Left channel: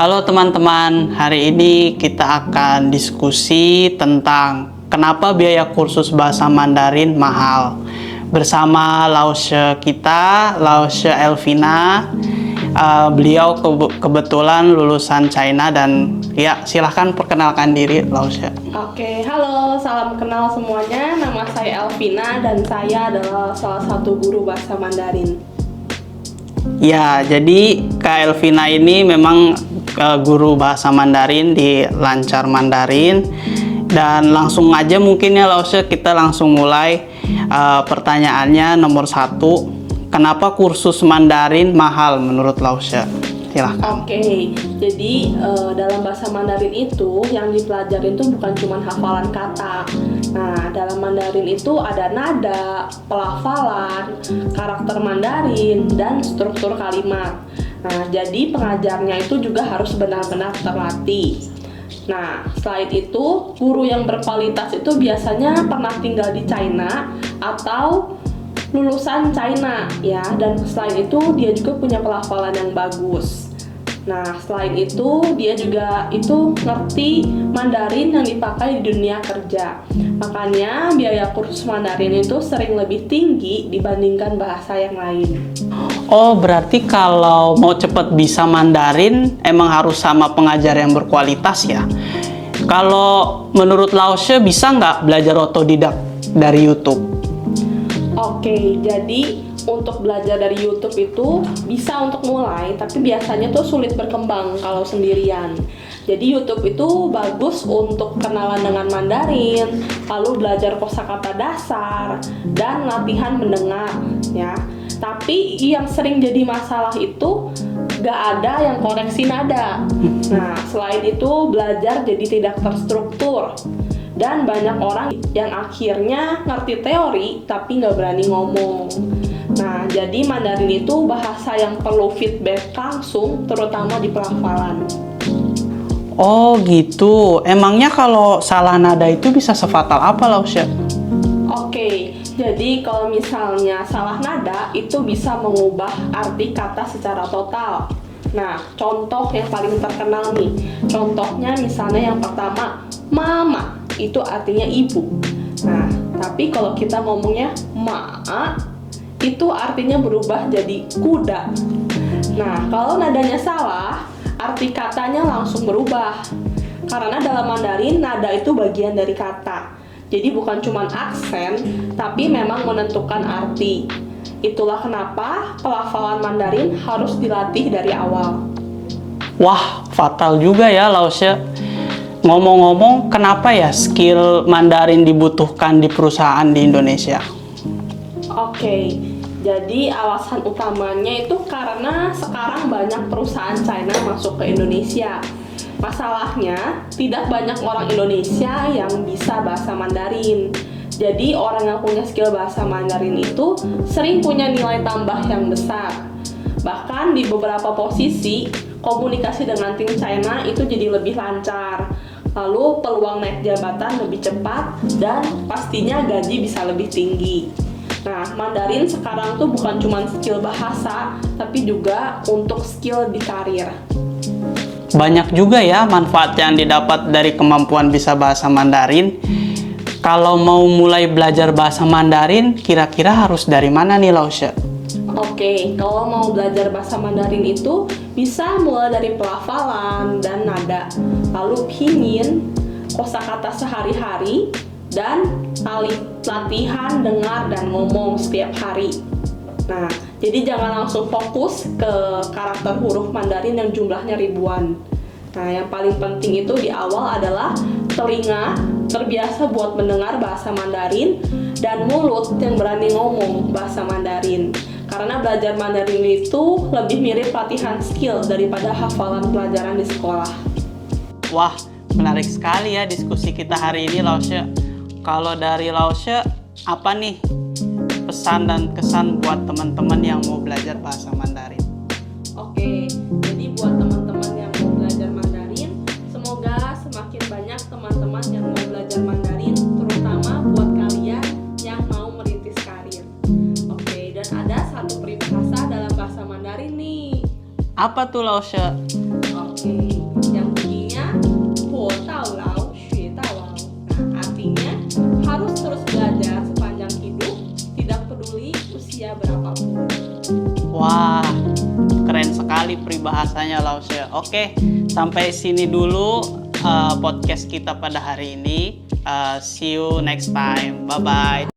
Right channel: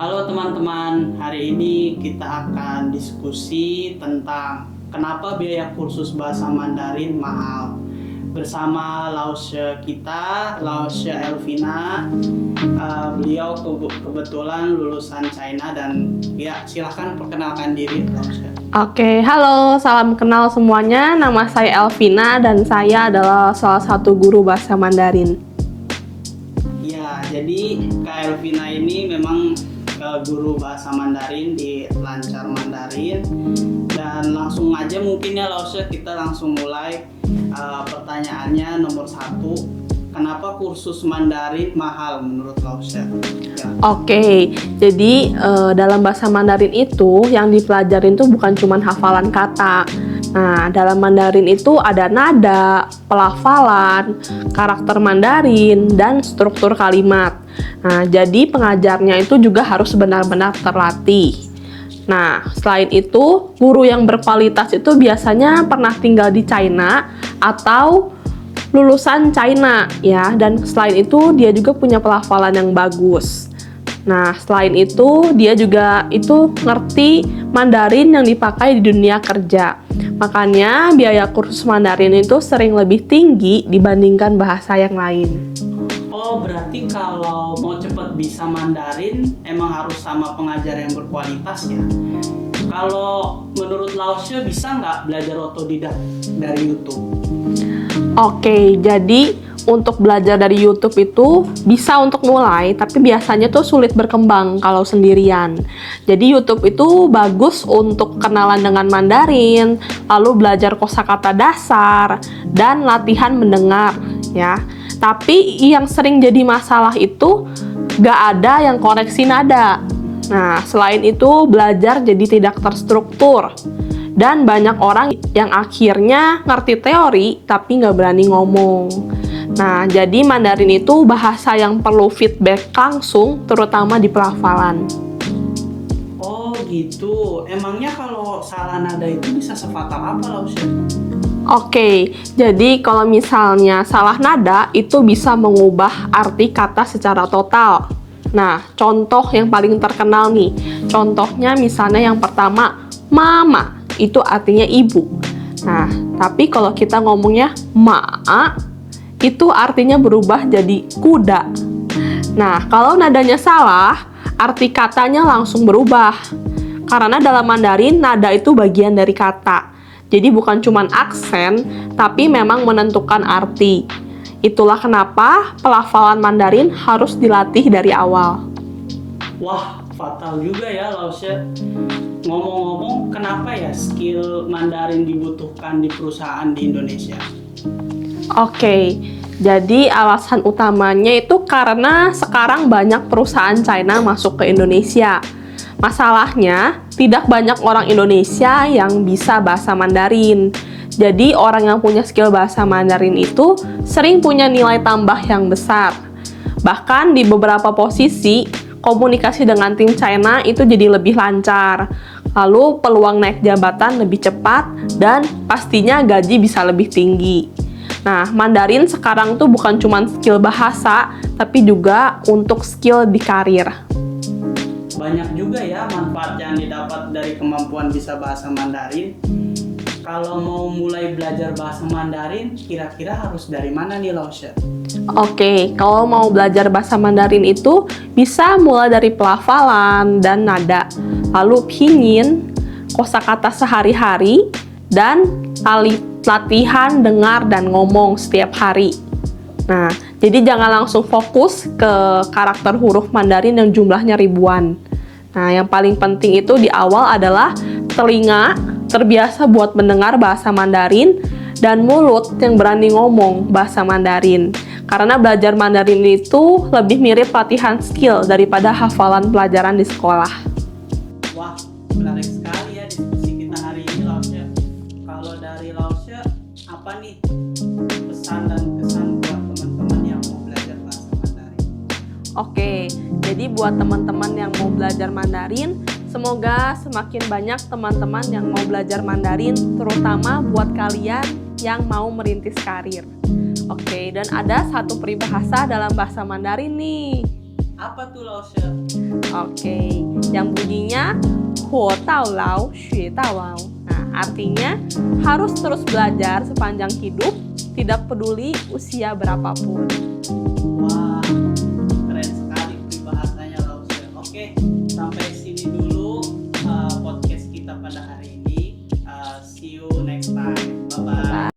Halo teman-teman, hari ini kita akan diskusi tentang kenapa biaya kursus bahasa Mandarin mahal. Bersama Laushe kita, Laushe Elvina. Beliau kebetulan lulusan China dan ya silahkan perkenalkan diri Laushe. Oke, halo, salam kenal semuanya. Nama saya Elvina dan saya adalah salah satu guru bahasa Mandarin. Ya, jadi Kak Elvina ini memang guru bahasa Mandarin di Lancar Mandarin. Dan langsung aja mungkin ya Laushe, kita langsung mulai. Pertanyaannya nomor 1, kenapa kursus Mandarin mahal menurut Laushe? Silahkan. Oke, jadi dalam bahasa Mandarin itu yang dipelajarin itu bukan cuma hafalan kata. Nah, dalam Mandarin itu ada nada, pelafalan, karakter Mandarin, dan struktur kalimat. Nah, jadi pengajarnya itu juga harus benar-benar terlatih. Nah, selain itu, guru yang berkualitas itu biasanya pernah tinggal di China atau lulusan China ya, dan selain itu dia juga punya pelafalan yang bagus. Nah, selain itu dia juga itu ngerti Mandarin yang dipakai di dunia kerja. Makanya biaya kursus Mandarin itu sering lebih tinggi dibandingkan bahasa yang lain. Oh, berarti kalau mau cepat bisa Mandarin emang harus sama pengajar yang berkualitas ya? Kalau menurut Laushe bisa nggak belajar otodidak dari YouTube? Oke, jadi untuk belajar dari YouTube itu bisa untuk mulai, tapi biasanya tuh sulit berkembang kalau sendirian. Jadi YouTube itu bagus untuk kenalan dengan Mandarin, lalu belajar kosakata dasar, dan latihan mendengar ya. Tapi yang sering jadi masalah itu gak ada yang koreksi nada. Nah, selain itu belajar jadi tidak terstruktur. Dan banyak orang yang akhirnya ngerti teori tapi nggak berani ngomong. Nah, jadi Mandarin itu bahasa yang perlu feedback langsung, terutama di pelafalan. Oh gitu, emangnya kalau salah nada itu bisa sefatal apa Laushe? Oke, jadi kalau misalnya salah nada itu bisa mengubah arti kata secara total. Nah, contoh yang paling terkenal nih, contohnya misalnya yang pertama, mama. Itu artinya ibu. Nah, tapi kalau kita ngomongnya maa, itu artinya berubah jadi kuda. Nah, kalau nadanya salah, arti katanya langsung berubah. Karena dalam Mandarin, nada itu bagian dari kata. Jadi bukan cuma aksen, tapi memang menentukan arti. Itulah kenapa pelafalan Mandarin harus dilatih dari awal. Wah, fatal juga ya Laushe. Ngomong-ngomong, kenapa ya skill Mandarin dibutuhkan di perusahaan di Indonesia? Oke, jadi alasan utamanya itu karena sekarang banyak perusahaan China masuk ke Indonesia. Masalahnya, tidak banyak orang Indonesia yang bisa bahasa Mandarin. Jadi orang yang punya skill bahasa Mandarin itu sering punya nilai tambah yang besar. Bahkan di beberapa posisi, komunikasi dengan tim China itu jadi lebih lancar. Lalu peluang naik jabatan lebih cepat dan pastinya gaji bisa lebih tinggi. Nah, Mandarin sekarang tuh bukan cuma skill bahasa, tapi juga untuk skill di karir. Banyak juga ya manfaat yang didapat dari kemampuan bisa bahasa Mandarin. Kalau mau mulai belajar bahasa Mandarin, kira-kira harus dari mana nih Laushe? Oke, kalau mau belajar bahasa Mandarin itu bisa mulai dari pelafalan dan nada, lalu pinyin, kosakata sehari-hari, dan latihan dengar dan ngomong setiap hari. Nah, jadi jangan langsung fokus ke karakter huruf Mandarin yang jumlahnya ribuan. Nah, yang paling penting itu di awal adalah telinga terbiasa buat mendengar bahasa Mandarin dan mulut yang berani ngomong bahasa Mandarin. Karena belajar Mandarin itu lebih mirip latihan skill daripada hafalan pelajaran di sekolah. Wah, menarik sekali ya diskusi kita hari ini Laushe. Kalau dari Laushe, apa nih pesan dan kesan buat teman-teman yang mau belajar bahasa Mandarin? Oke, jadi buat teman-teman yang mau belajar Mandarin, semoga semakin banyak teman-teman yang mau belajar Mandarin, terutama buat kalian yang mau merintis karir. Oke, dan ada satu peribahasa dalam bahasa Mandarin nih. Apa tuh Laushe? Oke, lao lao xue tawao. Nah, artinya harus terus belajar sepanjang hidup, tidak peduli usia berapapun. Wah, keren sekali peribahasanya Lause. Oke, sampai sini dulu podcast kita pada hari ini. See you next time. Bye-bye.